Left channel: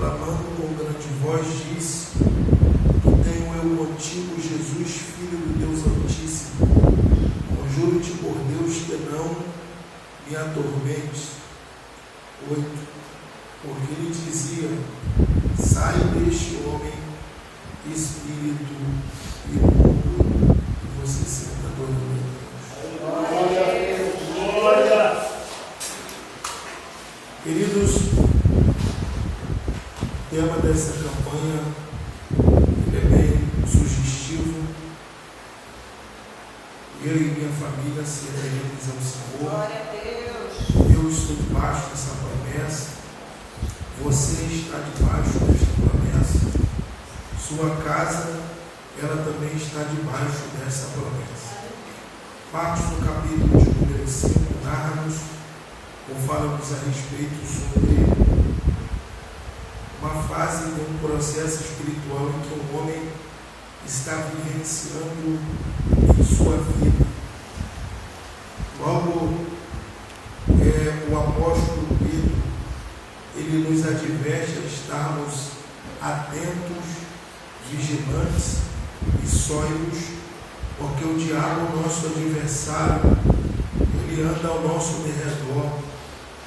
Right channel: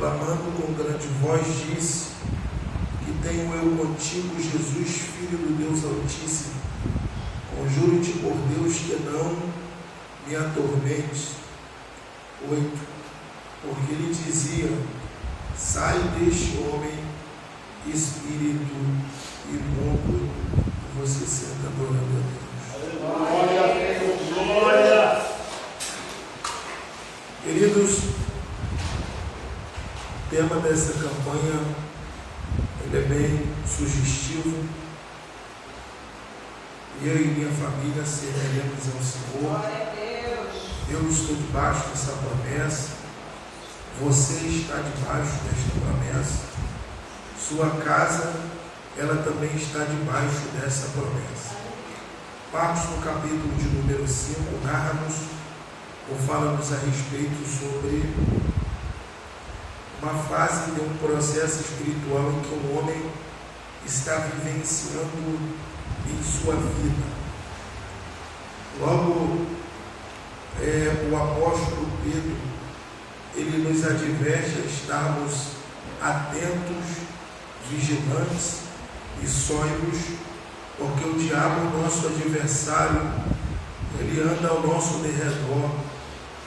clamando com grande voz, disse: que tenho eu contigo, Jesus, Filho do Deus Altíssimo. Conjuro-te por Deus que não me atormentes. 8. Porque ele dizia: sai deste homem, espírito imundo. E você senta adorando a Deus. Glória! Queridos, o tema dessa campanha ele é bem sugestivo. Eu e minha família serviremos ao Senhor. Eu estou debaixo dessa promessa. Você está debaixo desta promessa. Sua casa, ela também está debaixo dessa promessa. Marcos, no capítulo de número 5, narra-nos ou fala-nos a respeito sobre uma fase de um processo espiritual em que um homem está vivenciando em sua vida. Logo, o apóstolo Pedro, ele nos adverte a estarmos atentos, vigilantes e sóbrios, porque o diabo, nosso adversário, ele anda ao nosso derredor,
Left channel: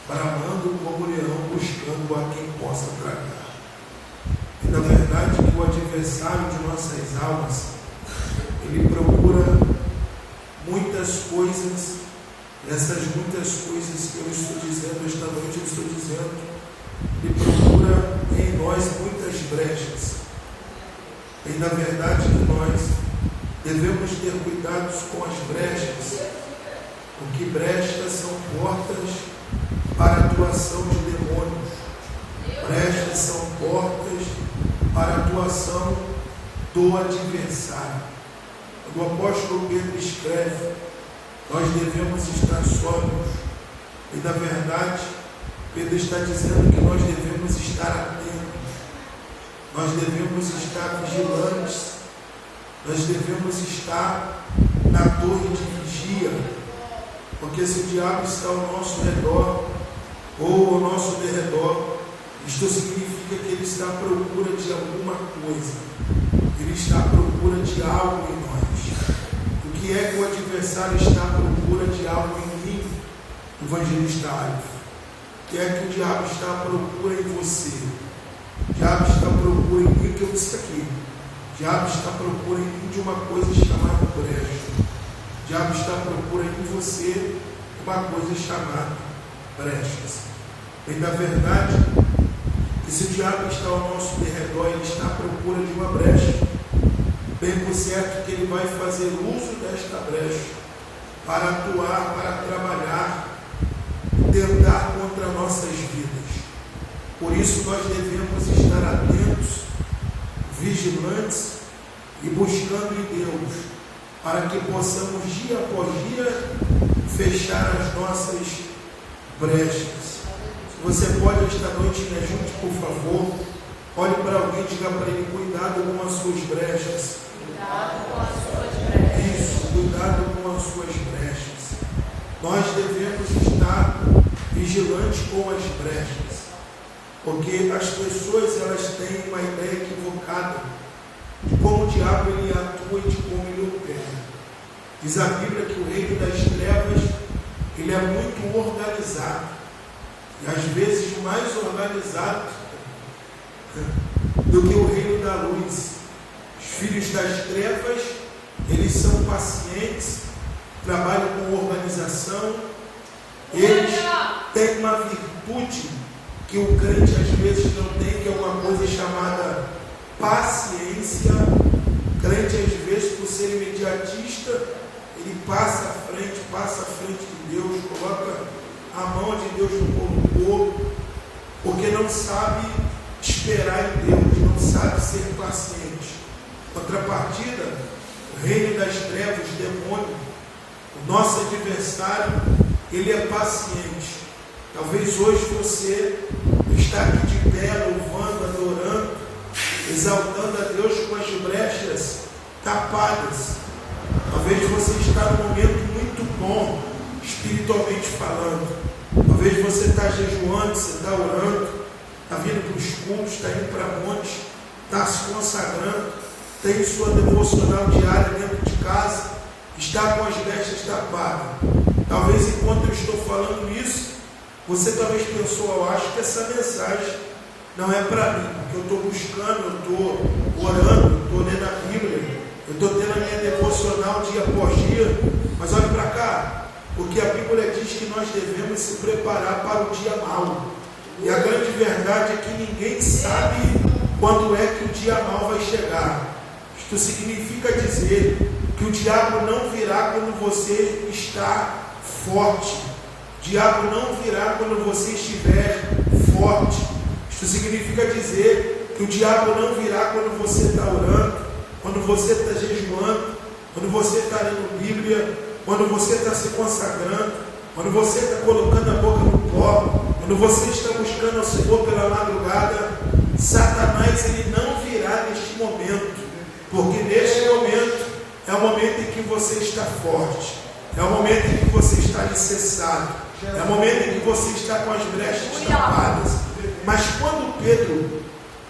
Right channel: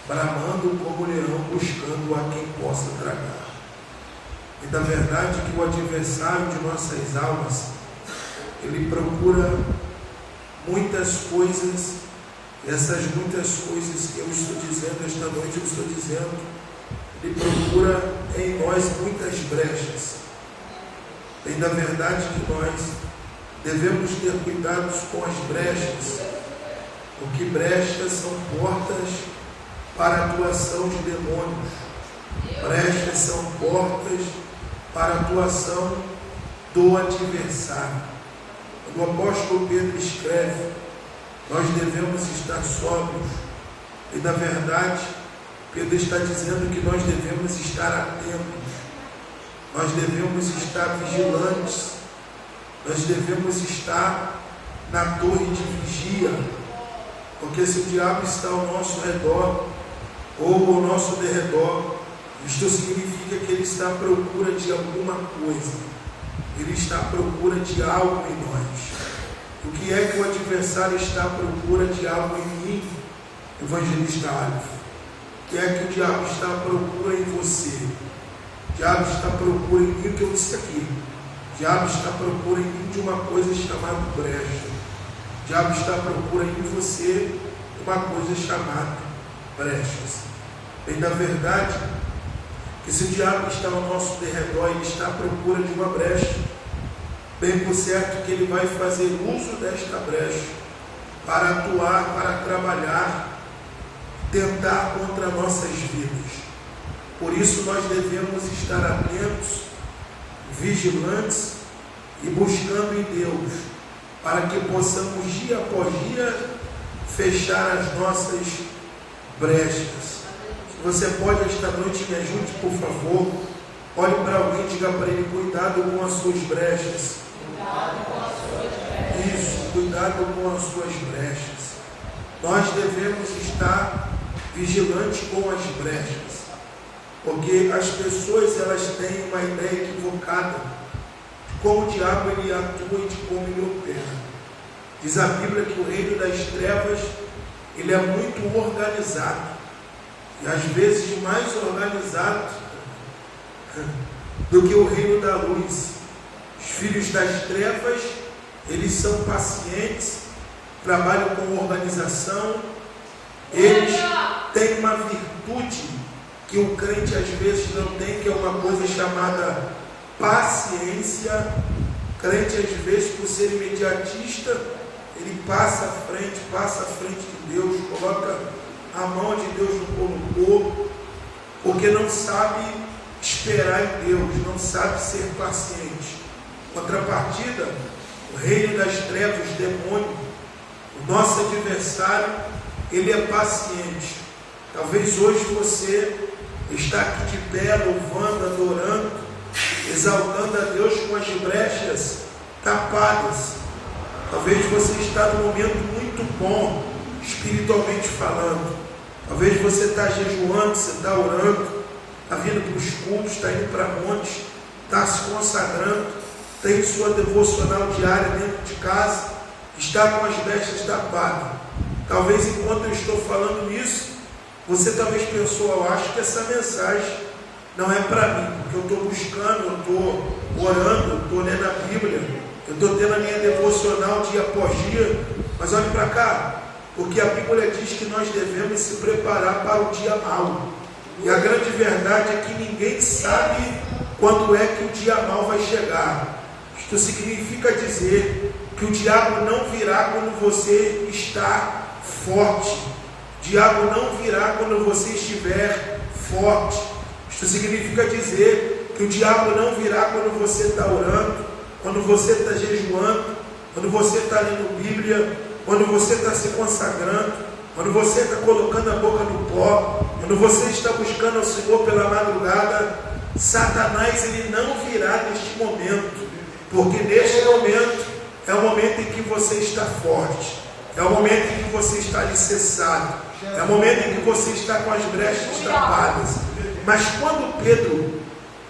bramando como leão, buscando a quem possa tragar. E na verdade que o adversário de nossas almas, ele procura muitas coisas, e essas muitas coisas que eu estou dizendo esta noite, eu estou dizendo, ele procura em nós muitas brechas. E na verdade que nós devemos ter cuidados com as brechas, porque brechas são portas para a atuação de demônios. Brechas são portas para a atuação do adversário. O apóstolo Pedro escreve: nós devemos estar sóbrios. E na verdade, Pedro está dizendo que nós devemos estar atentos. Nós devemos estar vigilantes. Nós devemos estar na torre de vigia. Porque se o diabo está ao nosso redor, ou ao nosso derredor, isto significa que ele está à procura de alguma coisa. Ele está à procura de algo em nós. O que é que o adversário está à procura de algo em mim, evangelista Alves? O que é que o diabo está à procura em você? O diabo está à procura em mim, o que eu disse aqui. O diabo está à procura em mim de uma coisa chamada brecha. O diabo está à procura em você de uma coisa chamada brechas. E na verdade, que se o diabo está ao nosso derredor, ele está à procura de uma brecha. Bem por certo que ele vai fazer uso desta brecha para atuar, para trabalhar, tentar contra nossas vidas. Por isso nós devemos estar atentos, vigilantes e buscando em Deus, para que possamos dia após dia fechar as nossas brechas. Se você pode esta noite me ajude, por favor, olhe para alguém e diga para ele: cuidado com as suas brechas. Isso, cuidado com as suas brechas. Nós devemos estar vigilantes com as brechas, porque as pessoas elas têm uma ideia equivocada de como o diabo ele atua e de como ele opera. Diz a Bíblia que o reino das trevas ele é muito organizado, e às vezes mais organizado do que o reino da luz. Os filhos das trevas, eles são pacientes, trabalham com organização, eles têm uma virtude que o crente às vezes não tem, que é uma coisa chamada paciência. O crente às vezes, por ser imediatista, ele passa à frente de Deus, coloca a mão de Deus no colocou, porque não sabe esperar em Deus, não sabe ser paciente. Contrapartida, o reino das trevas, o demônio, o nosso adversário, ele é paciente. Talvez hoje você está aqui de pé, louvando, adorando, exaltando a Deus com as brechas tapadas. Talvez você está num momento muito bom, espiritualmente falando. Talvez você está jejuando, você está orando, está vindo para o nos cultos, está indo para montes, está se consagrando, tem sua devocional diária dentro de casa, está com as vestes tapadas. Talvez enquanto eu estou falando isso, você talvez pensou, eu acho que essa mensagem não é para mim, porque eu estou buscando, eu estou orando, eu estou lendo a Bíblia, eu estou tendo a minha devocional dia após dia. Mas olhe para cá, porque a Bíblia diz que nós devemos se preparar para o dia mau. E a grande verdade é que ninguém sabe quando é que o dia mau vai chegar. Isto significa dizer que o diabo não virá quando você está forte. O diabo não virá quando você estiver forte. Isto significa dizer que o diabo não virá quando você está orando, quando você está jejuando, quando você está lendo Bíblia, quando você está se consagrando, quando você está colocando a boca no pó, quando você está buscando ao Senhor pela madrugada. Satanás, ele não virá neste momento, porque neste momento é o momento em que você está forte, é o momento em que você está alicerçado, é o momento em que você está com as brechas tapadas. Mas quando Pedro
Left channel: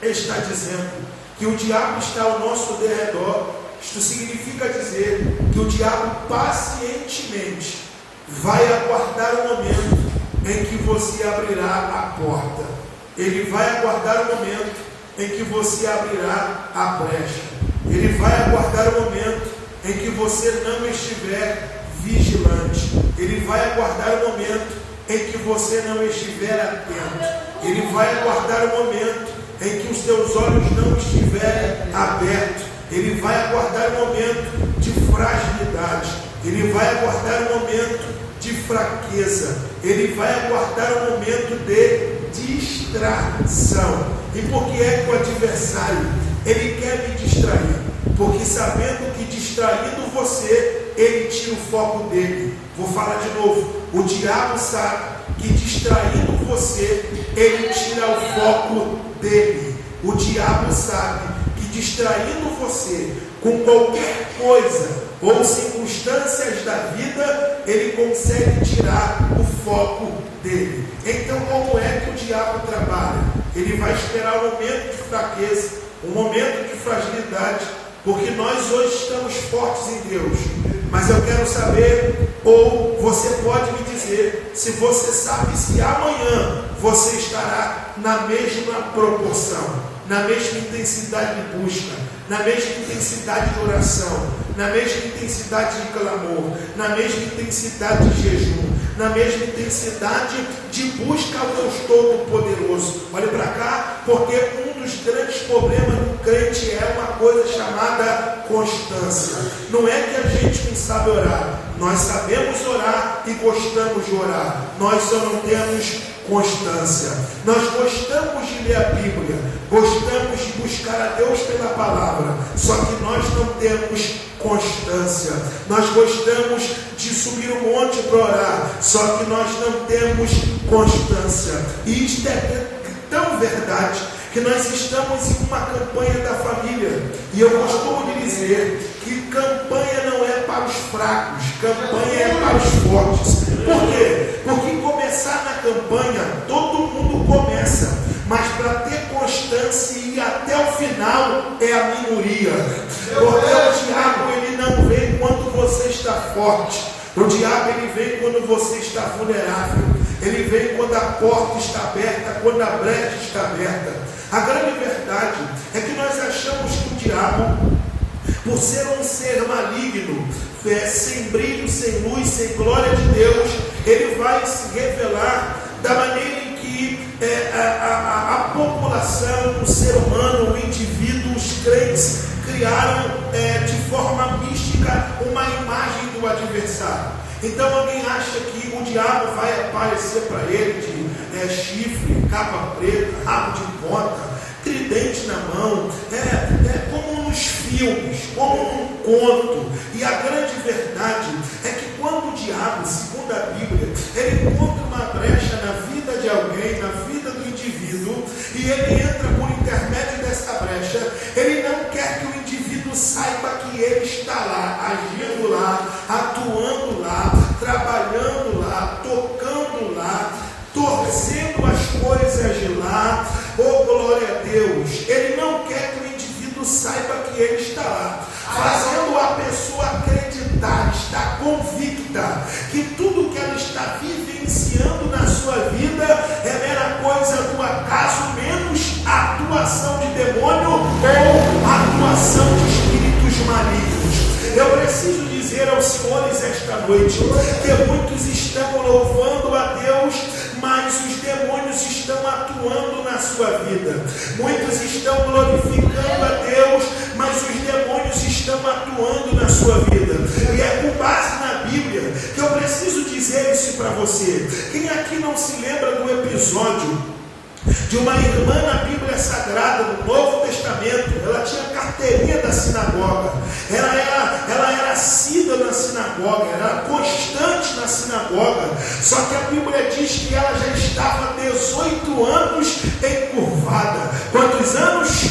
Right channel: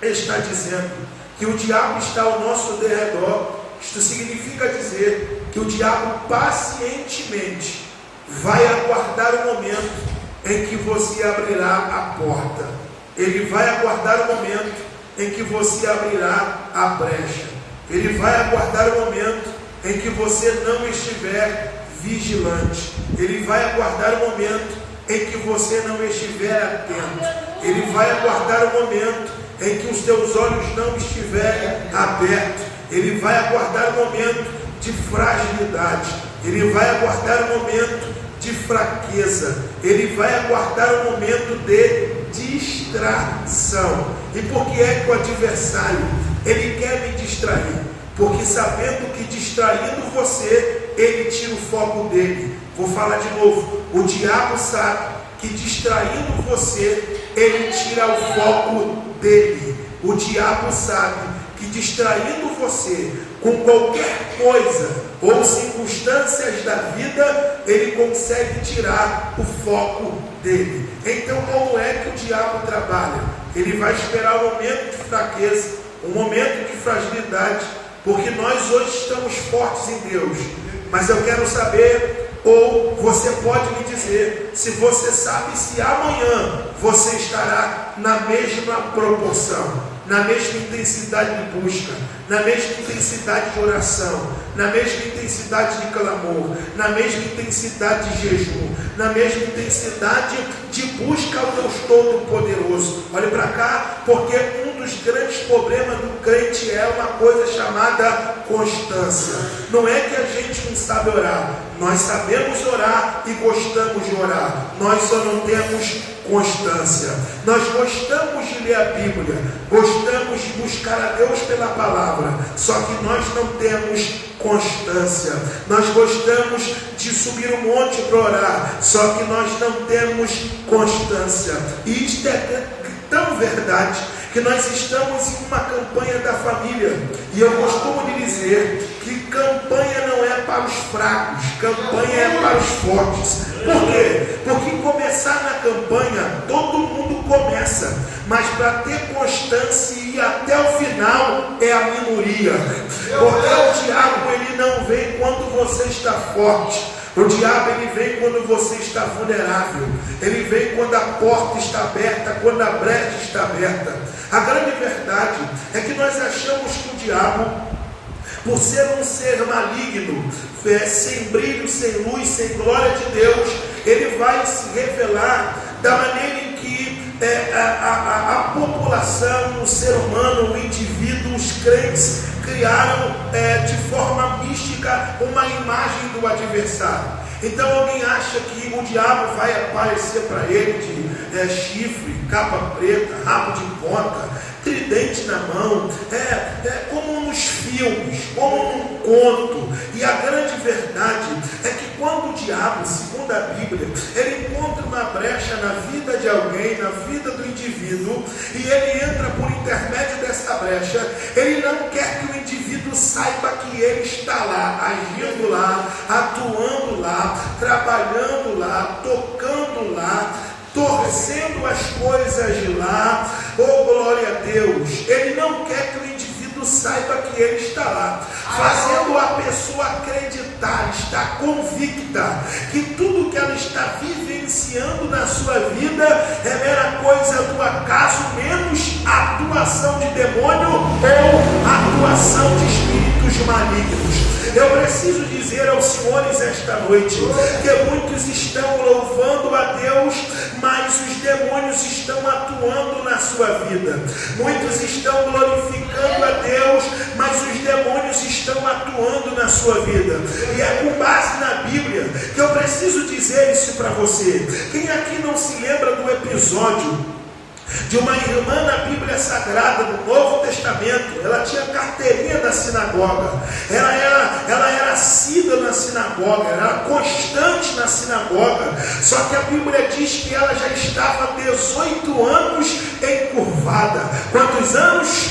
está dizendo que o diabo está ao nosso derredor, isto significa dizer que o diabo pacientemente vai aguardar o momento em que você abrirá a porta. Ele vai aguardar o momento em que você abrirá a brecha. Ele vai aguardar o momento em que você não estiver vigilante. Ele vai aguardar o momento em que você não estiver atento. Ele vai aguardar o momento em que os teus olhos não estiverem abertos. Ele vai aguardar o momento de fragilidade. Ele vai aguardar o momento de fraqueza. Ele vai aguardar o momento de distração. E por que é que o adversário, ele quer me distrair? Porque sabendo que distraindo você, ele tira o foco dele. Vou falar de novo. O diabo sabe que distraindo você, ele tira o foco dele. O diabo sabe que distraindo você com qualquer coisa ou circunstâncias da vida, ele consegue tirar o foco dele. Então, como é que o diabo trabalha? Ele vai esperar um momento de fraqueza, um momento de fragilidade, porque nós hoje estamos fortes em Deus. Mas eu quero saber, ou você pode me dizer, se você sabe se amanhã você estará na mesma proporção, na mesma intensidade de busca, na mesma intensidade de oração, na mesma intensidade de clamor, na mesma intensidade de jejum, na mesma intensidade de busca ao Deus Todo-Poderoso. Olhe para cá, porque um dos grandes problemas do crente é uma coisa chamada constância. Não é que a gente não sabe orar, nós sabemos orar e gostamos de orar, nós só não temos constância. Nós gostamos de ler a Bíblia, gostamos de buscar a Deus pela palavra, só que nós não temos constância. Nós gostamos de subir um monte para orar, só que nós não temos constância. E isto é tão verdade que nós estamos em uma campanha da família, e eu costumo dizer que campanha não é para os fracos, campanha é para os fortes. Por quê? Porque começar na campanha, todo mundo começa, mas para ter constância e ir até o final é a minoria. Porque o diabo, ele não vem quando você está forte. O diabo, ele vem quando você está vulnerável. Ele vem quando a porta está aberta, quando a brecha está aberta. A grande verdade é que nós achamos que o diabo, por ser um ser maligno, sem brilho, sem luz, sem glória de Deus, ele vai se revelar da maneira em que a população, o ser humano, o indivíduo, os crentes criaram de forma mística uma imagem do adversário. Então alguém acha que o diabo vai aparecer para ele de chifre, capa preta, rabo de ponta, tridente na mão, como nos filmes, como num conto. E a grande verdade é que quando o diabo, segundo a Bíblia, ele encontra uma brecha na vida de alguém, na vida do indivíduo, e ele entra por intermédio dessa brecha, ele não quer que o indivíduo saiba que ele está lá, agindo lá, atuando lá, trabalhando lá, tocando lá, torcendo as coisas de lá. Oh, glória atuação de demônio ou atuação de espíritos malignos. Eu preciso dizer aos senhores esta noite que muitos estão louvando a Deus, mas os demônios estão atuando na sua vida. Muitos estão glorificando a Deus, mas os demônios estão atuando na sua vida. E é com base na Bíblia que eu preciso dizer isso para você. Quem aqui não se lembra do episódio de uma irmã na Bíblia Sagrada, no Novo Testamento? Ela tinha carteirinha da sinagoga, ela era assídua na sinagoga, ela era constante na sinagoga, só que a Bíblia diz que ela já estava 18 anos encurvada. Quantos anos?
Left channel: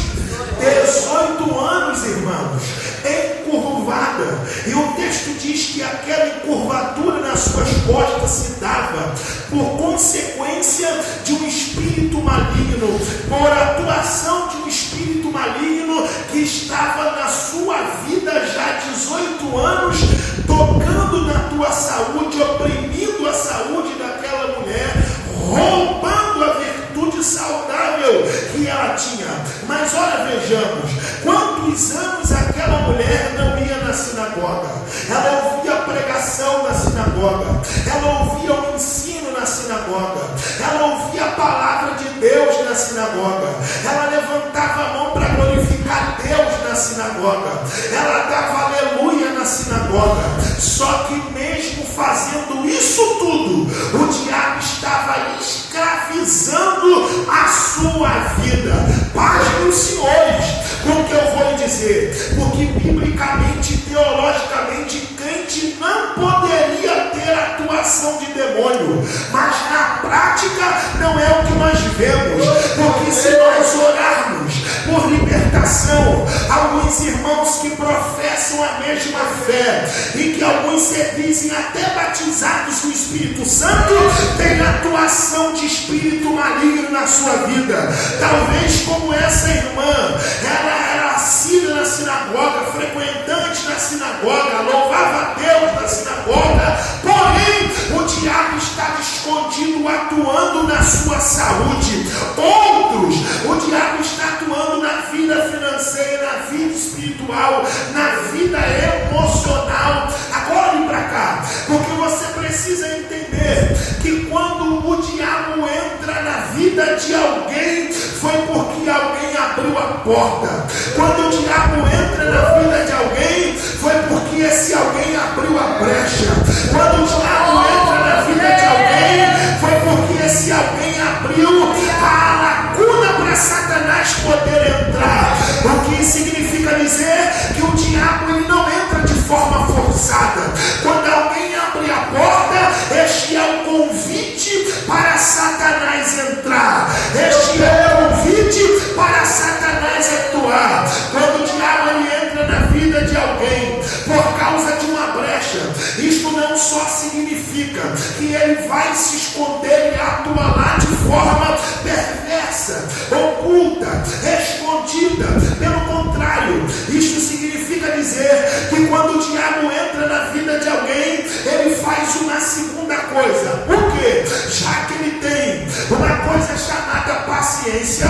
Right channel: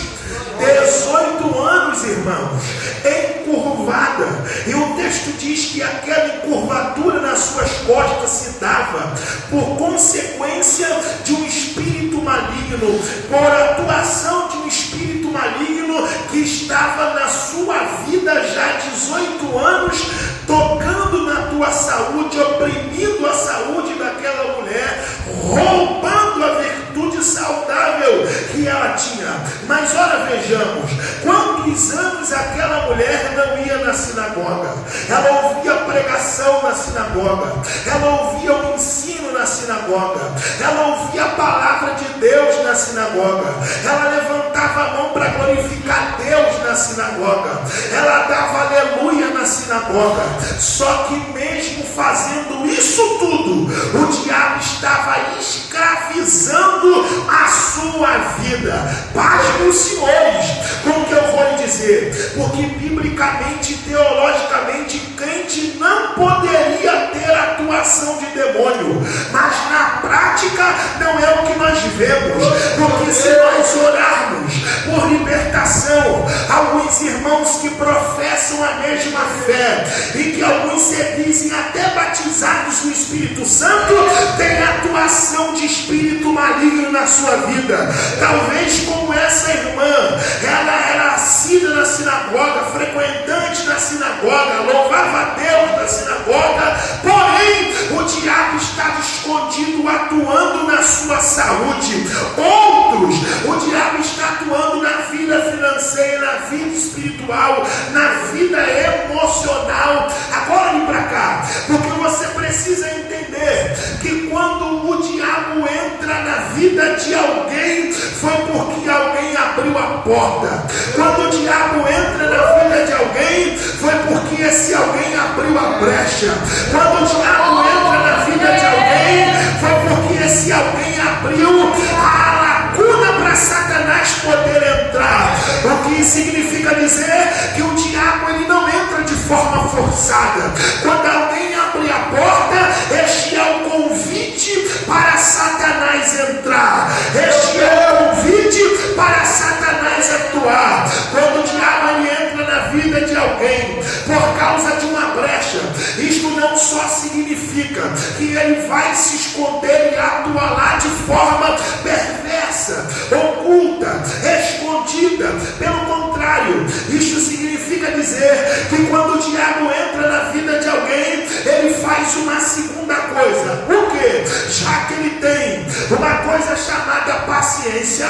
18 anos, irmãos, encurvada. E o texto diz que aquela encurvatura nas suas costas se dava por consequência de um espírito maligno, por atuação de um espírito maligno que estava na sua vida já há 18 anos, tocando na tua saúde, oprimindo a saúde daquela mulher, roubando a virtude saudável que ela tinha. Mas ora, vejamos, quantos anos aquela mulher não ia na sinagoga? Ela ouvia a pregação na sinagoga, ela ouvia o ensino na sinagoga, ela ouvia a palavra de Deus na sinagoga, ela levantava a mão para glorificar Deus na sinagoga, ela dava aleluia na sinagoga. Só que mesmo fazendo isso tudo, o diabo estava escravizando a sua vida. Pasmem os senhores com o que eu vou lhe dizer, porque biblicamente, teologicamente, crente não poderia ter atuação de demônio, mas na prática não é o que nós vemos, porque se nós orarmos por libertação, alguns irmãos que professam a mesma fé e que alguns se dizem até batizados no Espírito Santo, têm atuação de espírito maligno na sua vida. Talvez como essa irmã, ela era assídua na sinagoga, frequentante da sinagoga, louvava a Deus na sinagoga, porém o diabo estava escondido, atuando na sua saúde. Outros, o diabo está atuando na vida financeira, na vida espiritual, na vida emocional. Agora vem para cá, porque você precisa entender que quando o diabo entra na vida de alguém, foi porque alguém abriu a porta. Quando o diabo entra na vida de alguém, foi porque esse alguém abriu a brecha. Quando o diabo entra na vida de alguém, foi porque esse alguém abriu a lacuna para Satanás poder entrar. O que significa dizer que o diabo ele não entra de forma forçada. Quando alguém abre a porta, este é o convite para Satanás entrar. Este é o convite para Satanás atuar. Quando o diabo ele entra na vida de alguém por causa de uma brecha, isto não só significa que ele vai se esconder e atuar lá de forma perversa, oculta, escondida. Pelo contrário, isso significa dizer que quando o diabo entra na vida de alguém, ele faz uma segunda coisa. Por quê? Já que ele tem uma coisa chamada paciência,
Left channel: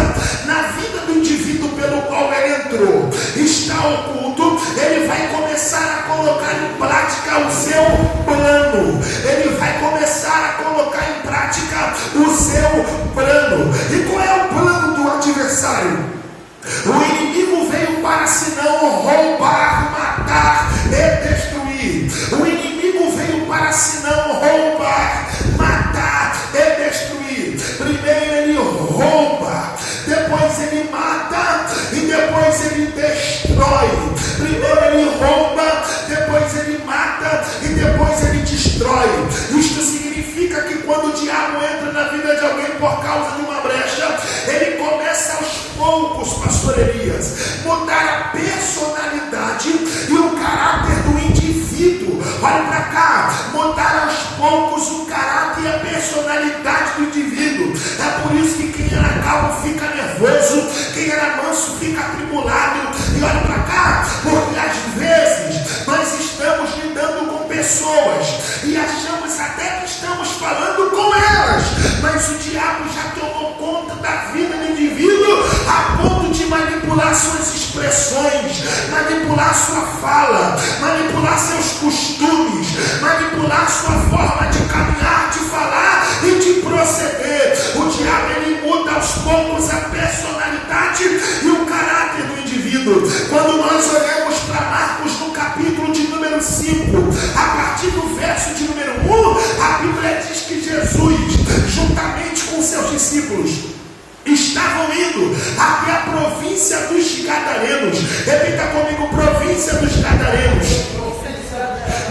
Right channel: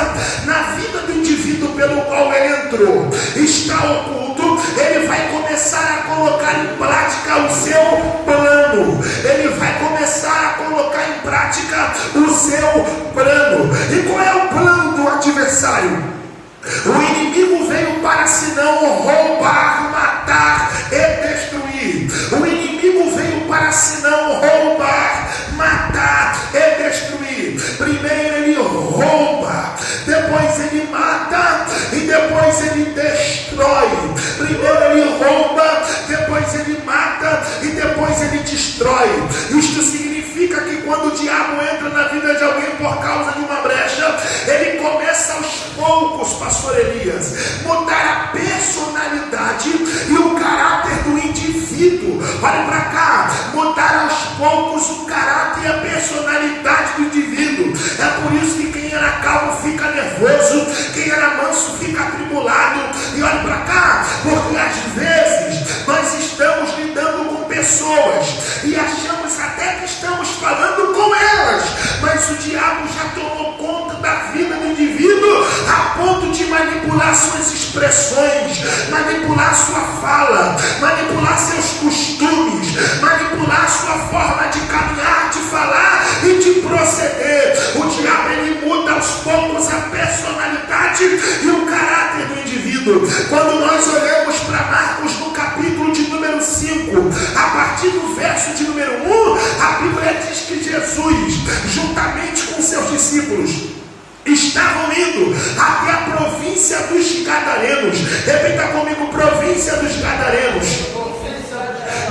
na vida do indivíduo pelo qual ele entrou, está oculto, ele vai começar a colocar em prática o seu plano. Ele vai começar a colocar em prática o seu plano. E qual é o plano do adversário? O inimigo veio para senão roubar, matar e destruir. O inimigo veio para senão roubar, matar e destruir. Primeiro ele rouba, depois ele mata e depois ele destrói. Primeiro ele rouba, depois ele mata e depois ele destrói. Isto significa que quando o diabo entra na vida de alguém por causa de uma brecha, ele começa aos poucos, pastor Elias, mudar a personalidade e o caráter do indivíduo. Olha para cá, mudar aos poucos o caráter e a personalidade do indivíduo. É por isso que quem era calmo fica nervoso, quem era manso fica atribulado. E olha para cá, porque às vezes nós estamos lidando com pessoas e achamos até que estamos falando com elas, mas o diabo já tomou conta da vida do indivíduo a ponto manipular suas expressões, manipular sua fala, manipular seus costumes, manipular sua forma de caminhar, de falar e de proceder. O diabo, ele muda aos poucos a personalidade e o caráter do indivíduo. Quando nós olhamos para Marcos no capítulo de número 5, a partir do verso de número 1, a Bíblia diz que Jesus, juntamente com seus discípulos, estavam indo até a província dos Gadarenos. Repita comigo: província dos Gadarenos.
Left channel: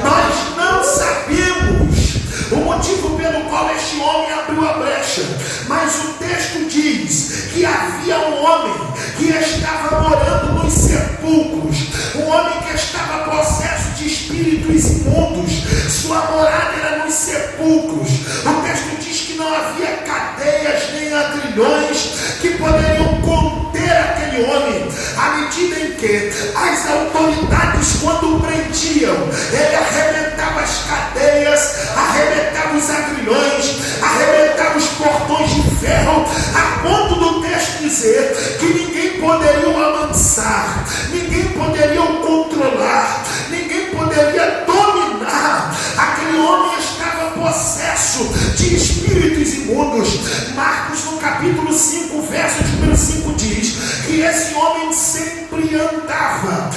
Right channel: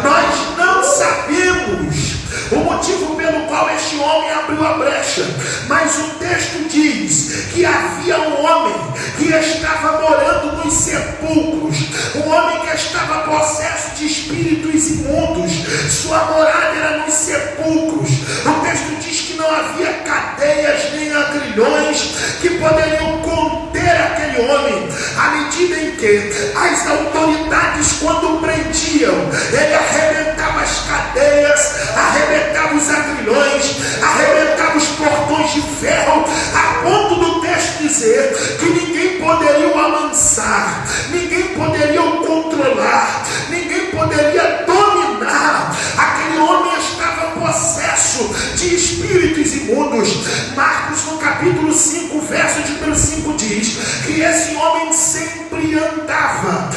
Nós não sabemos o motivo pelo qual este homem abriu a brecha, mas o texto diz que havia um homem que estava morando nos sepulcros, um homem que estava possesso de espíritos imundos. Sua morada era nos sepulcros. O texto diz que não havia cadeias nem ladrilhões que poderiam conter aquele homem, à medida em que as autoridades, quando prendiam, ele arrebentava as cadeias, arrebentava os agrilhões, arrebentava os portões de ferro, a ponto do texto dizer que ninguém poderia o amansar, ninguém poderia o controlar, ninguém poderia dominar. Aquele homem estava possesso de espíritos imundos. Marcos, no capítulo 5, verso de número 5, diz que esse homem sempre andava.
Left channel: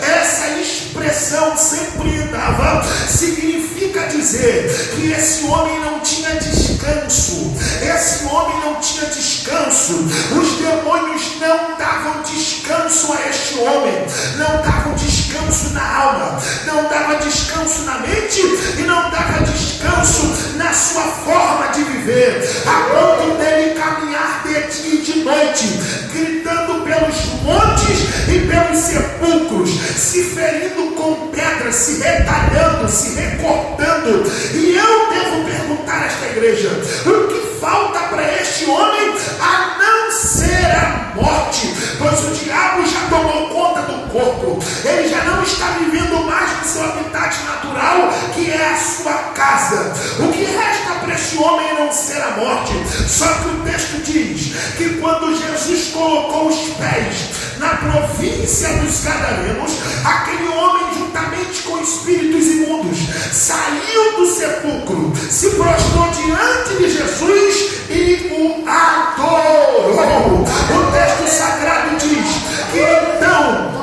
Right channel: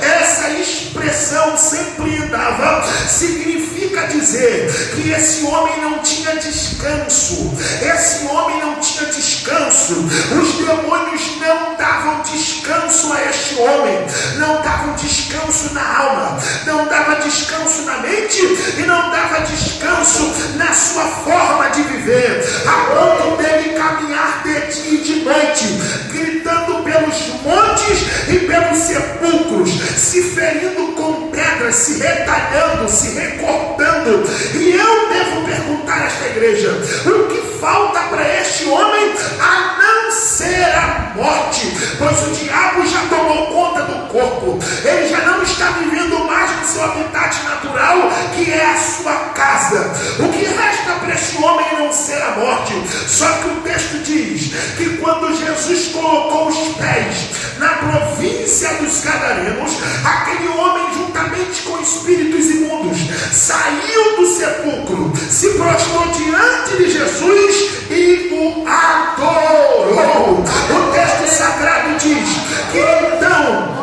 Essa expressão "sempre andava" significa dizer que esse homem não tinha descanso. Esse homem não tinha descanso. Os demônios não davam descanso a este homem, não davam descanso na alma, não dava descanso na mente e não dava descanso na sua forma de viver, a ponto dele caminhar de dia e de noite, gritando pelos montes e pelos sepulcros, se ferindo com pedras, se retalhando, se recortando. E eu devo perguntar a esta igreja: o que falta para este homem a não ser a morte? Pois o diabo já tomou conta do corpo, ele já não está vivendo mais no seu habitat natural, que é a sua casa. O que resta para este homem não ser a morte? Só que o texto diz que quando Jesus colocou os pés na província dos Gadarenos, aquele homem, juntamente com espíritos imundos, saiu do sepulcro, se prostrou diante de Jesus e o adorou. O texto sagrado diz que então,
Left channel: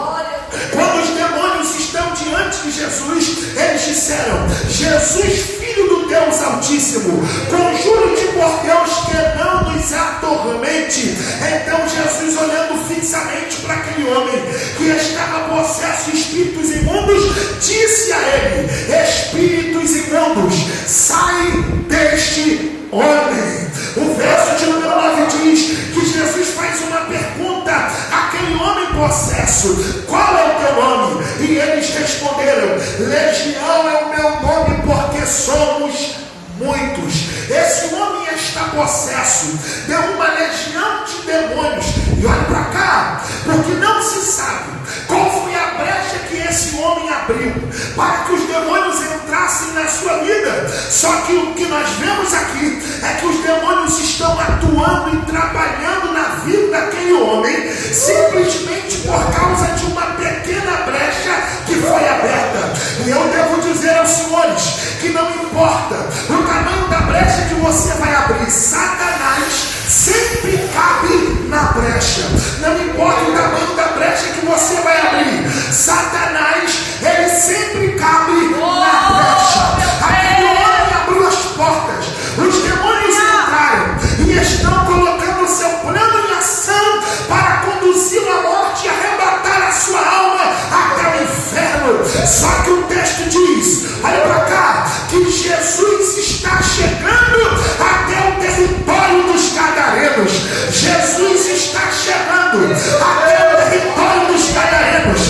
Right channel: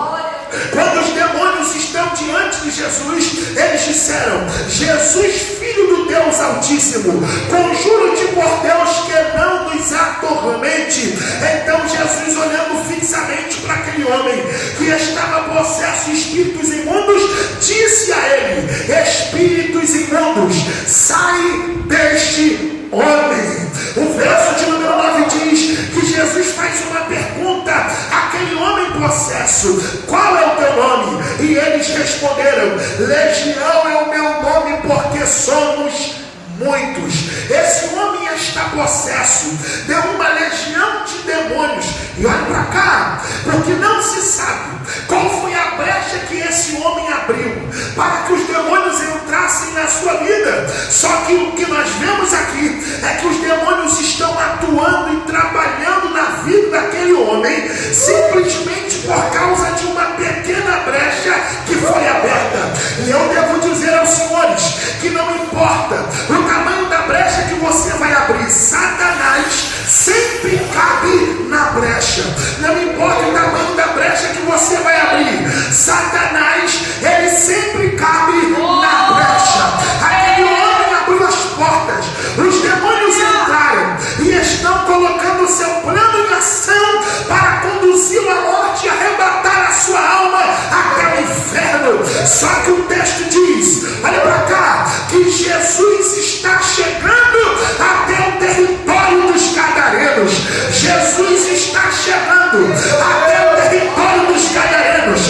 quando os demônios estão diante de Jesus, eles disseram: Jesus, Filho do Deus Altíssimo, conjuro-te por Deus que não nos atormente. Então Jesus, olhando fixamente para aquele homem que estava possesso de espíritos imundos, disse a ele: espíritos imundos, sai deste homem. O verso de número 9 diz que Jesus faz uma pergunta àquele homem possesso: qual é o teu nome? E eles responderam: Legião é o meu nome, porque somos muitos. Esse homem está possesso de uma legião de demônios. E olha para cá, porque não se sabe qual foi a brecha que esse homem abriu para que os demônios entrassem na sua vida. Só que o que nós vemos aqui é que os demônios estão atuando e trabalhando na vida daquele homem simplesmente por causa de uma pequena brecha que foi aberta. E eu devo dizer aos senhores que não importa o tamanho da brecha que você vai abrir, Satanás sempre cabe na brecha. Não importa o tamanho da brecha que você vai abrir, Satanás, ele sempre cabe na brecha. Aquele homem abriu as portas, os demônios entraram e estão colocando o seu plano em ação para conduzi-lo à morte e arrebatar a sua alma até o inferno. Só que o texto diz, olha para cá, que Jesus está chegando até o território dos Gadarenos. Jesus está chegando até o território dos Gadarenos,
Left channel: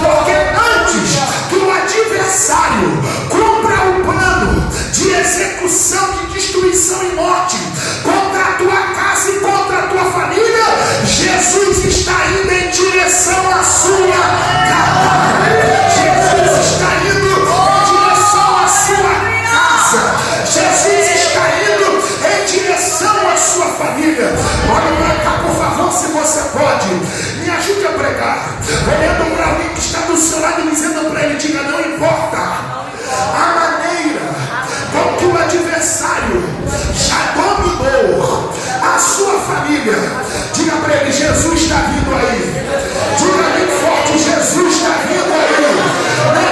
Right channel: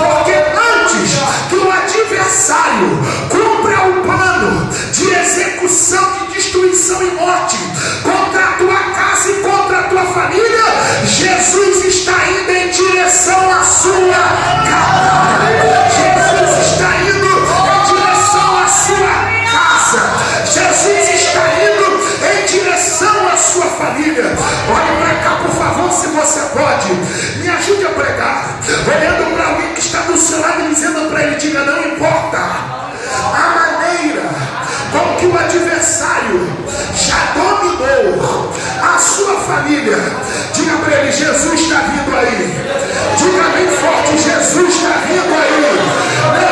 porque antes que o adversário cumpra o plano de execução, de destruição e morte contra a tua casa e contra a tua família, Jesus está indo em direção à sua casa. Jesus está indo em direção à sua casa. Jesus está indo em direção à sua família. Olhe para cá, por favor. se você pode, me ajude a pregar, olhando para alguém que está do seu lado e dizendo para ele, diga, não importa a maneira com que o adversário já dominou a sua família, diga para ele, Jesus está vindo aí. Diga bem forte, Jesus está vindo aí.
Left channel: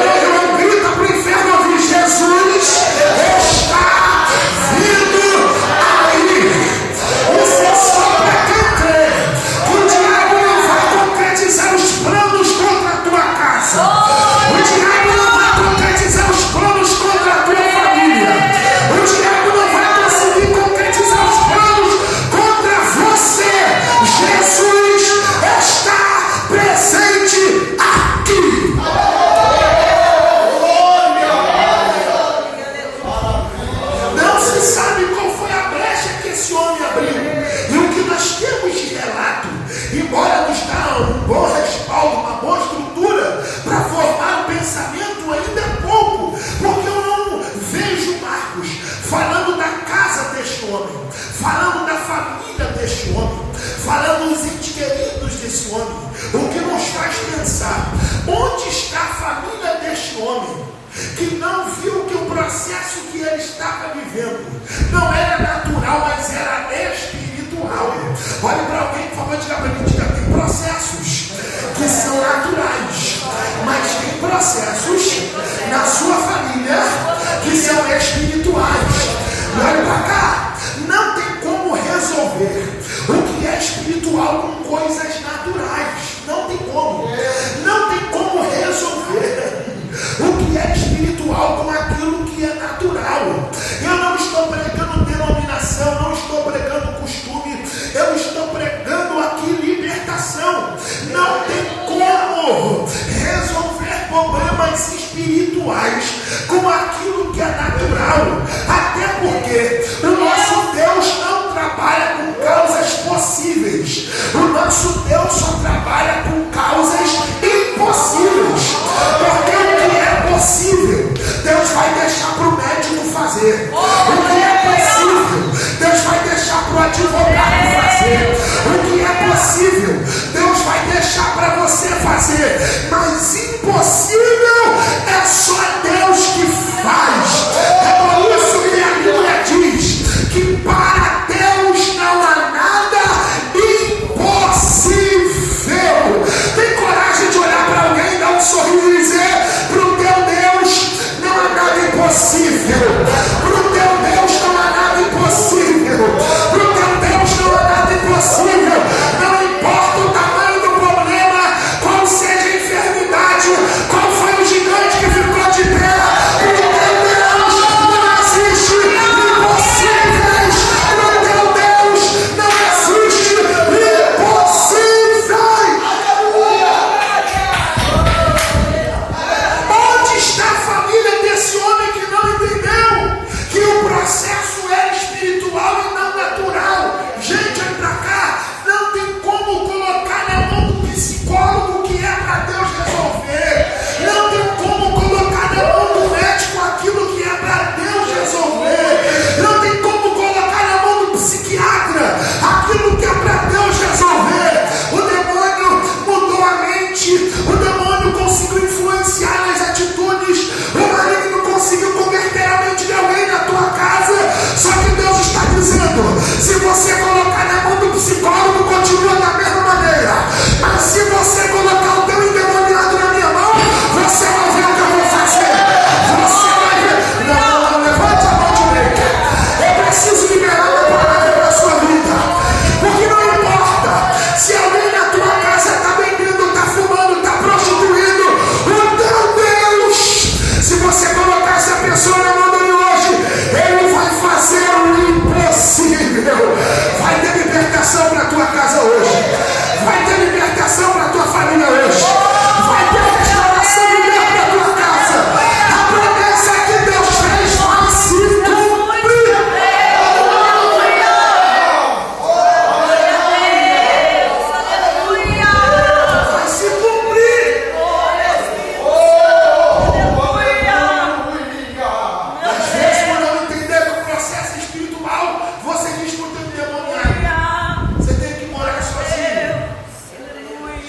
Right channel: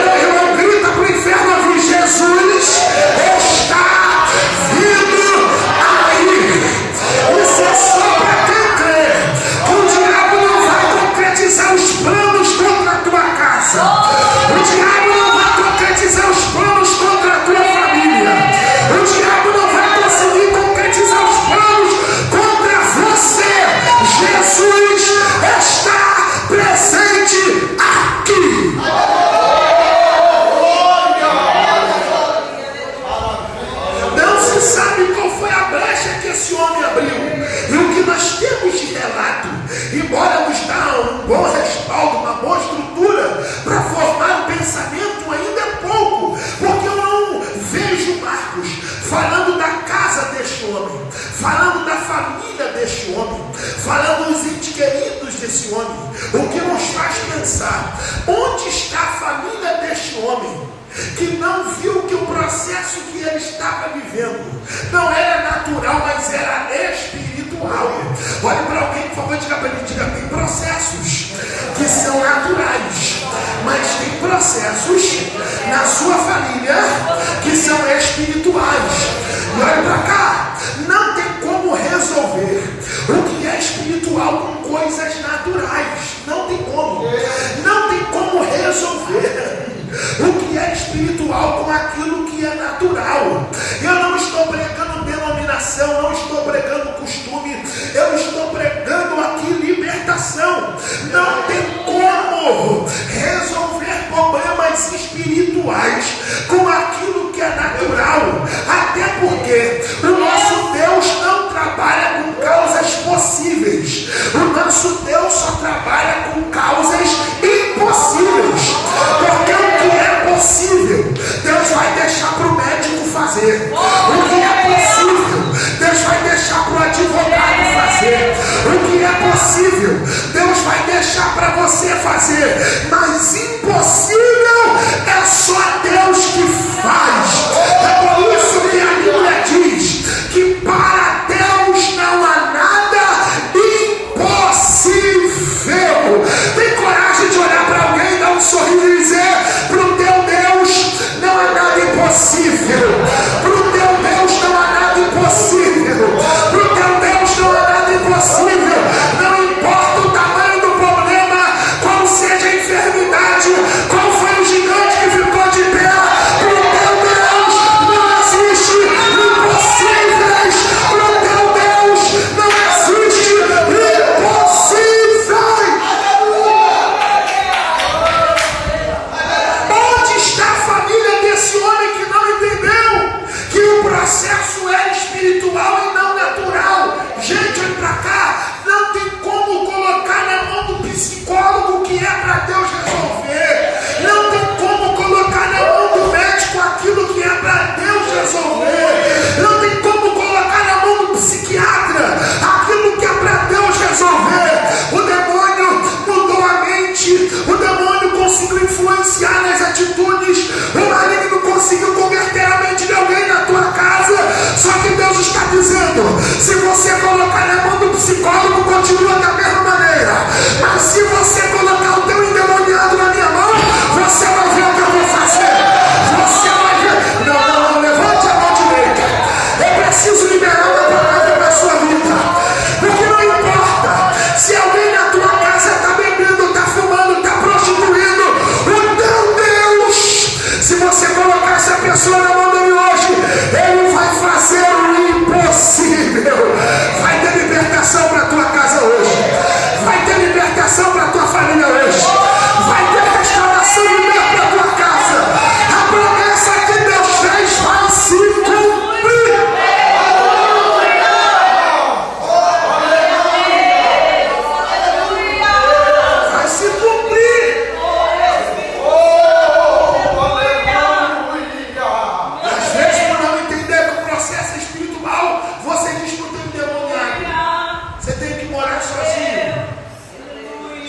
Não, irmão, grita para o inferno ouvir, Jesus está vindo aí. Isso é só para quem crê que o diabo não vai concretizar os planos contra a tua casa. O diabo não vai concretizar os planos contra a tua família. O diabo não vai conseguir concretizar os planos contra você. Jesus está presente aqui. Não se sabe qual foi a brecha que esse homem abriu. E o que nós temos de relato, embora nos dá um bom respaldo, uma boa estrutura para formar um pensamento, ainda é pouco, porque eu não vejo Marcos falando da casa deste homem, falando da família deste homem, falando dos entes queridos desse homem, o que nos faz pensar, onde está a família deste homem, que não viu que o processo que ele estava vivendo não era natural, mas era espiritual. Olhe para alguém, por favor, diga para ele, diga, tem processos que são naturais, mas tem processos na sua família que são espirituais. E olha para cá, não tem como resolver o que é espiritual com coisas naturais. Não tem como. Não tem como resolver o que é espiritual com aquilo que é natural. Eu não estou pregando denominação, não estou pregando costume, eu estou pregando aqui libertação. Não tem como resolver problemas espirituais com aquilo que é natural, até porque o nosso Deus não trabalha com causas possíveis, o nosso Deus só trabalha com causas impossíveis, porque o que é possível Deus vai deixar para o médico fazer, o que é possível Deus vai deixar para o advogado fazer, o que é possível Deus vai deixar para você fazer, mas impossível é só Deus que faz. É por isso que a Bíblia diz que para Deus não há nada impossível. Tem coragem de olhar para alguém, dar um sorriso e dizer, para o teu Deus não há nada impossível. Para o teu Deus não há nada impossível. Para o teu Deus não há nada impossível. Não importa o tamanho do problema, qual seja a enfermidade, qual foi o gigante que ficou de pé, para o teu Deus não existe impossíveis. Para o teu Deus não existe impossíveis. Onde está a família desse homem que não entendeu que o processo é espiritual e não natural? Gente, olha pra cá, não tem como colocar na mão do psicólogo o que é para Deus resolver, não tem como colocar na mão do médico aquilo que é para Deus resolver, não tem como colocar na mão do psiquiatra aquilo que é para Deus resolver. O demônio mudou a mente, o demônio conseguiu influenciar nas atitudes, o maligno conseguiu converter a mente de alguém na tua casa. Só que Deus está dizendo, se você colocar na mão do psicólogo, continua da mesma maneira, mas se você colocar o teu endemoniado na minha mão, você vai ver o que eu vou fazer. Você vai ver. Não, levante a mão direita. Eu preciso liberar uma palavra na sua vida, porque não importa se alguém na tua casa está bebendo, está fumando, está prostituindo, o teu Deus, se você colocar essa pessoa na mão dele hoje, ele vai fazer o impossível. Vai ter libertação para a tua casa.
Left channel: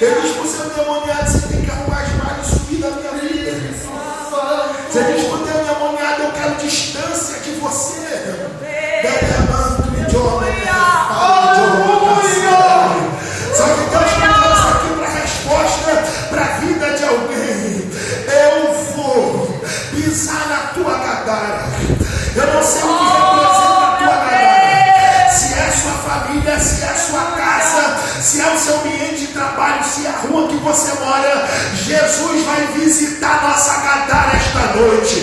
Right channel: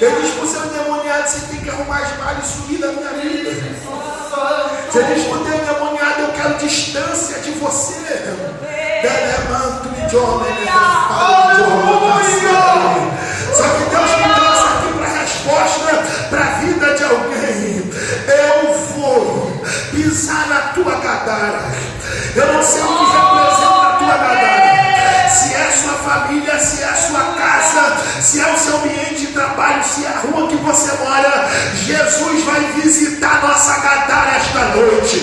Ele diz para o seu endemoniado: você tem que arrumar as malhas e sumir da minha vida. Você diz para o teu endemoniado: eu quero distância de você. Só que Deus me trouxe aqui para a resposta para a vida de alguém. Eu vou pisar na tua gadara. Eu não sei o que representa a tua gadara. Se é sua família, se é sua casa, se é o seu ambiente de trabalho, se é a rua que você mora, Jesus vai visitar nossa gadara esta noite.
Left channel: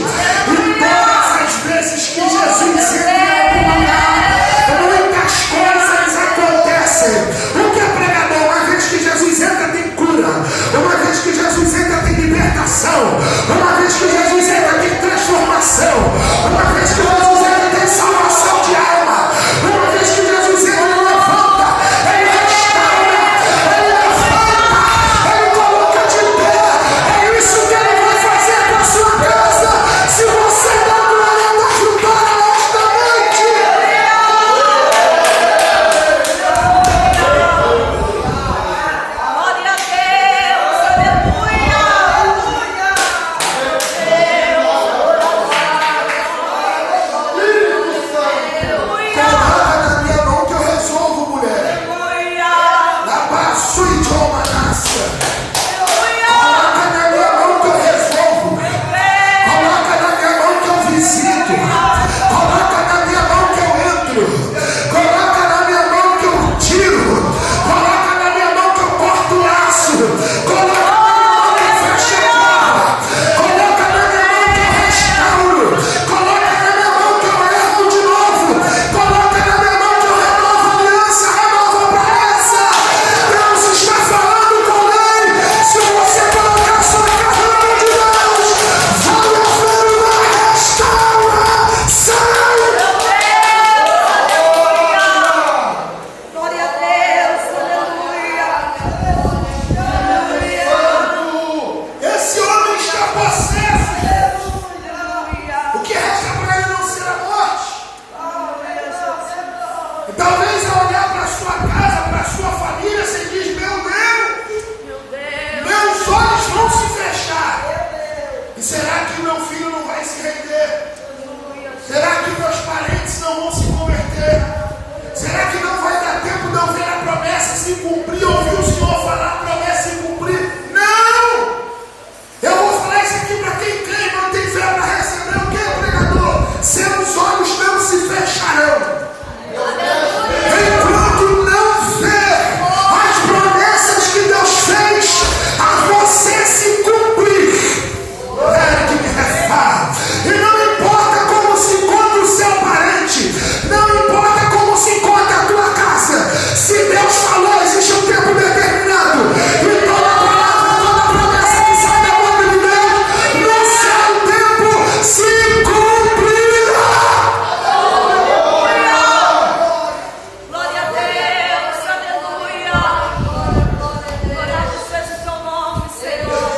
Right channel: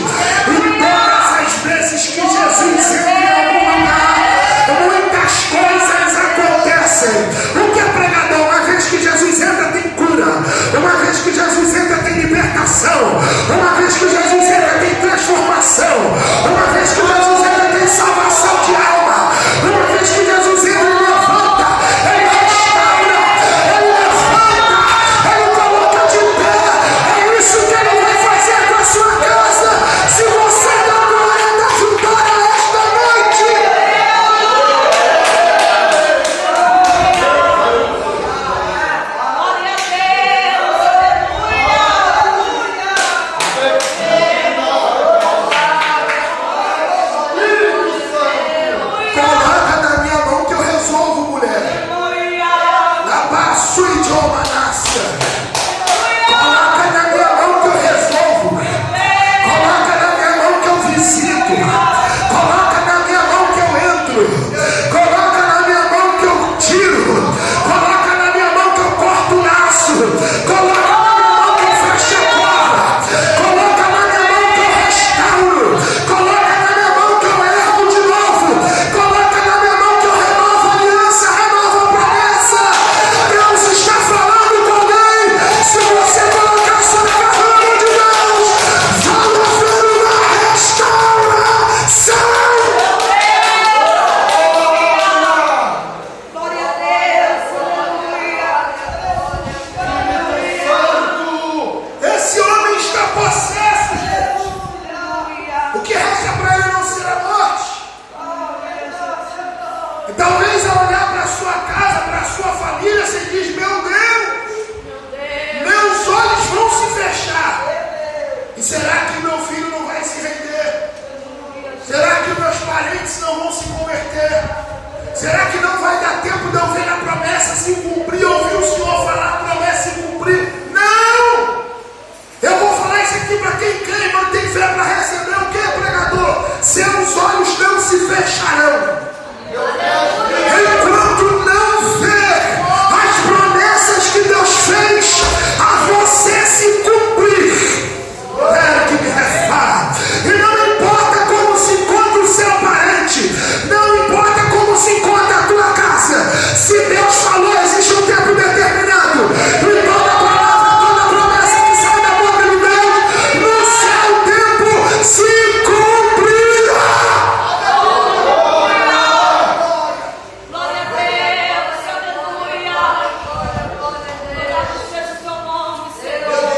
E todas as vezes que Jesus entra em algum lugar, muitas coisas acontecem. O que é pregador? Uma vez que Jesus entra, tem cura. Uma vez que Jesus entra, tem libertação. Uma vez que Jesus entra, tem transformação. Uma vez que Jesus entra, tem salvação de alma. Uma vez que Jesus entra, ele levanta, ele restaura, ele levanta, ele coloca de pé. É isso que ele vai fazer com a sua casa. Se você dá glória da vitória esta noite. Glória a Deus, Coloca na minha mão que eu resolvo, mulher. Labaço e de uma caça. Coloca na minha mão que eu resolvo. Coloca na minha mão que eu visito. Coloca na minha mão que eu entro. Coloca na minha mão que eu tiro. Coloca na minha mão que eu corto o laço. Coloca na minha mão que eu fecho a porta. Coloca na minha mão que eu restauro. Coloca na minha mão que eu ergo de novo. Coloca na minha mão que eu renovo a aliança, renovo a promessa. Deus está falando com alguém. Se você colocar sobre a mão de Deus, vai haver uma restauração. Glória a Deus, Esse homem está possesso. O que resta para ele não ser a morte? E talvez ao olhar para a sua casa, para a sua família, você diz: meu Deus, meus olhos vão se fechar. E será que meu filho não vai se render? Será que meus parentes não vão se converter? Será que não vai dar tempo de eu ver a promessa se cumprir? Ouvir o Senhor falar a promessa se cumprir? Não! Eu vou falar isso aqui para quem crê e não tem fé para receber o que, pregador? Seus olhos não se fecharão enquanto não ver as promessas que Deus fez a você se cumprir. É que me refá. E não importa como se encontra o seu parente, não importa como se encontra a tua casa, se Deus falou, existe um tempo determinado. E toda palavra, toda promessa que sai da boca de Deus, no seu tempo se cumprirá. glória a Deus, aleluia. Louvado seja o teu nome, Senhor.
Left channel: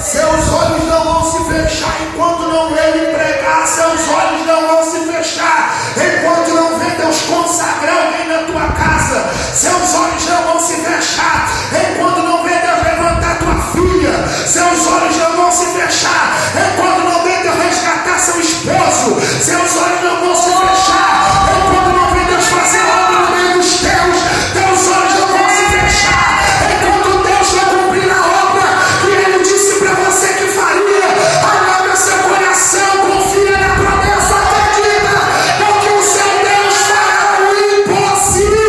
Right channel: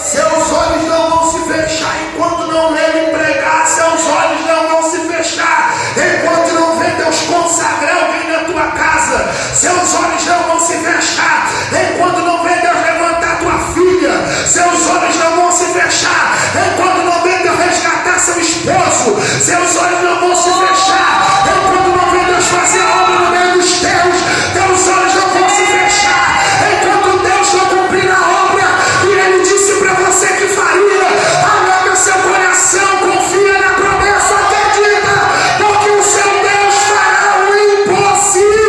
Seus olhos não vão se fechar enquanto não vê ele pregar. Seus olhos não vão se fechar enquanto não vê Deus consagrar alguém na tua casa. Seus olhos não vão se fechar enquanto não vê Deus levantar tua filha. Seus olhos não vão se fechar enquanto não vê Deus resgatar seu esposo. Seus olhos não vão se fechar enquanto não vê Deus fazer a obra no meio dos teus. Teus olhos não vão se fechar enquanto Deus não cumprir a obra que Ele disse para você que faria. Alarga seu coração, confia na promessa, acredita, porque o seu Deus fará o impossível.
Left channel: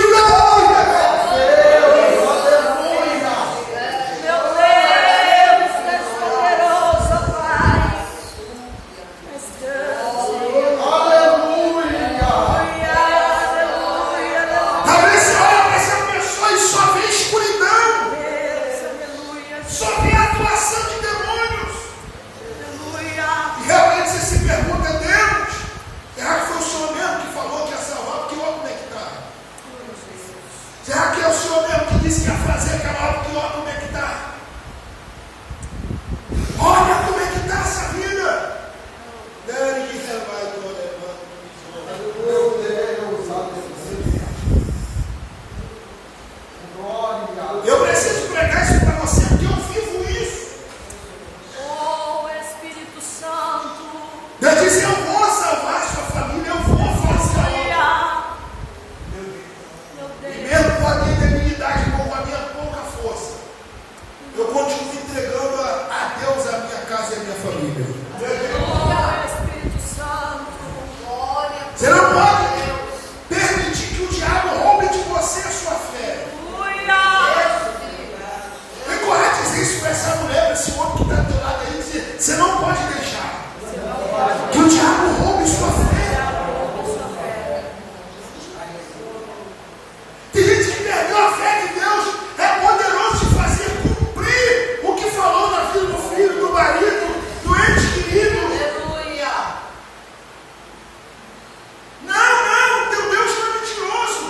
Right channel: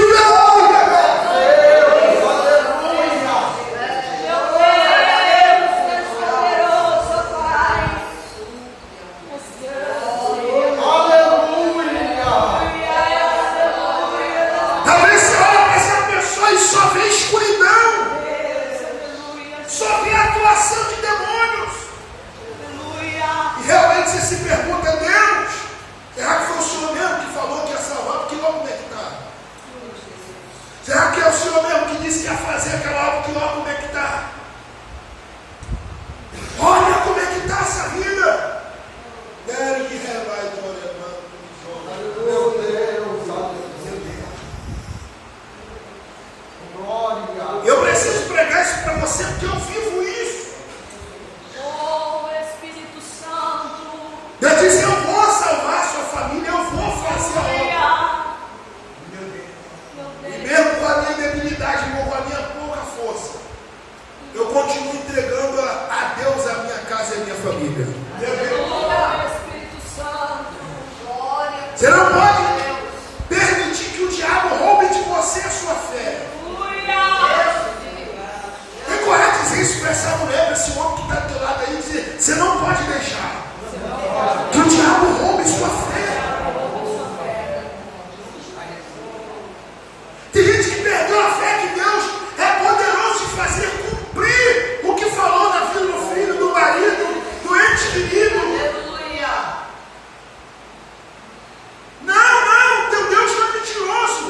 atuação de demônios. Aleluia. E eu se pergunta, Deus, será que foi o Senhor mesmo que falou que ia salvar? Porque olha como é que está. Será que é o Senhor mesmo que disse que ia fazer aquela obra? Que olha como é que está. Olha como é que está essa vida. Eu preciso pregar isso para você, porque eu vivo isso. Oh, Espírito Santo. Deus disse, eu vou salvar a sua família, eu vou fazer a obra. E mesmo com a minha debilidade, irmão, com a minha pouca força, eu continuo entregando a Deus a minha casa e a minha família. Oh, Espírito Santo. Glória. Você não pode permitir que o diabo roube de você a sua fé. Tem coragem de dizer isso para essa mulher, para esse homem que está do teu lado aí, dizer, você não pode deixar que o diabo roube sua fé. Tem gente que perdeu a fé que Deus é poderoso de fazer cumprir o que falou na vida do filho, do marido, do ente querido. Aleluia. Não, teu Deus não é mentiroso.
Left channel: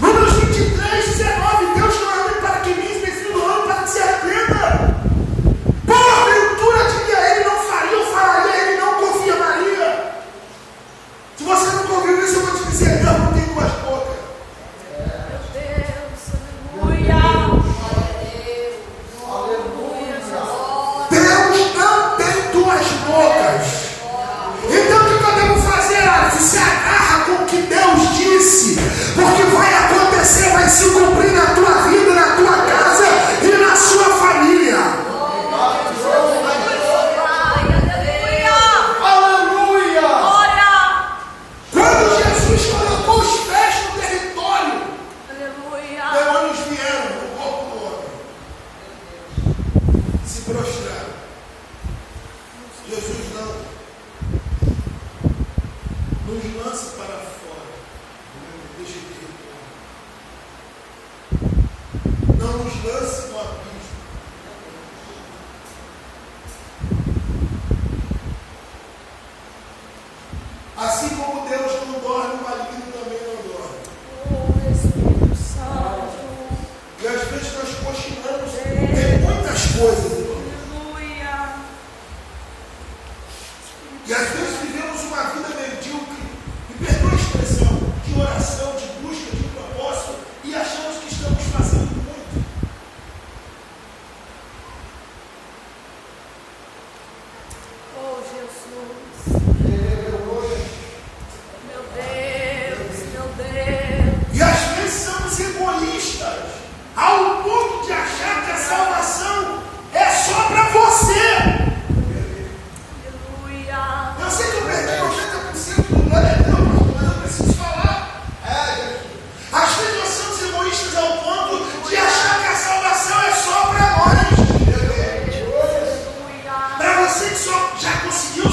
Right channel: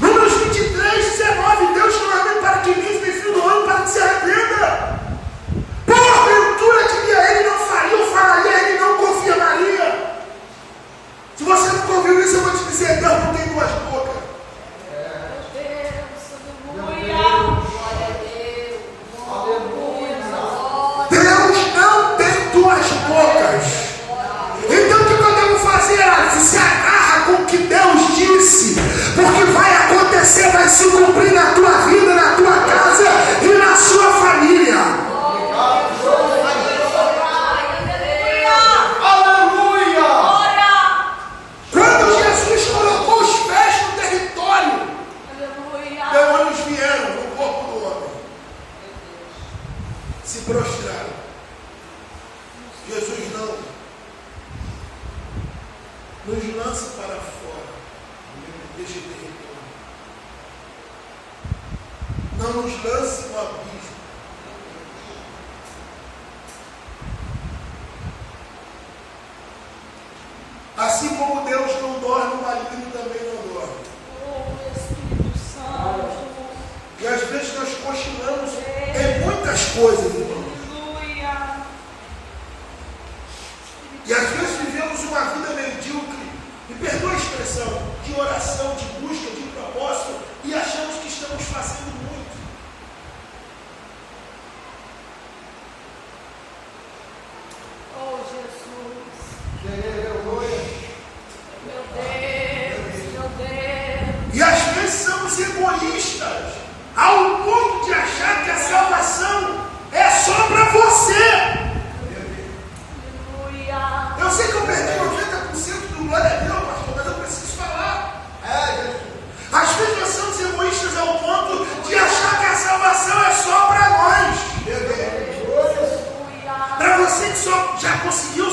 Números 23, 19, Deus não é homem para que minta, nem filho do homem para que se arrependa. Porventura que ele não faria, eu falaria, ele não confirmaria. Se você não ouviu isso, eu vou te dizer, Deus não tem duas bocas. Deus não tem duas bocas. Então o que podemos fazer? Se agarra com o que Deus disse, porque vai acontecer, vai se cumprir na tua vida, na tua casa e na sua família. Aleluia! Quando Jesus colocou os pés no território, demônios vieram no corpo do homem, se prostraram. Jesus não nos lança para fora deste território. Não nos lance no abismo. Assim como Deus não dorme, o maligno também não dorme. Oh, Espírito Santo. E às vezes nós cochilamos em muitas coisas, irmão. Aleluia. E às vezes vivemos uma vida medíocre, e perdoa a expressão, de oração, de busca, de propósito, e achamos que estamos fazendo muito. Oh, Jesus. Meu Deus. E às vezes somos egoístas, ao ponto de achar que a salvação é só para você. Aleluia. Eu sei que eu perdi 80% do glória a Deus, mas eu preciso falar. Às vezes nós somos egoístas ao ponto de achar que a salvação é só para nós. Aleluia. Para você que só já conseguiu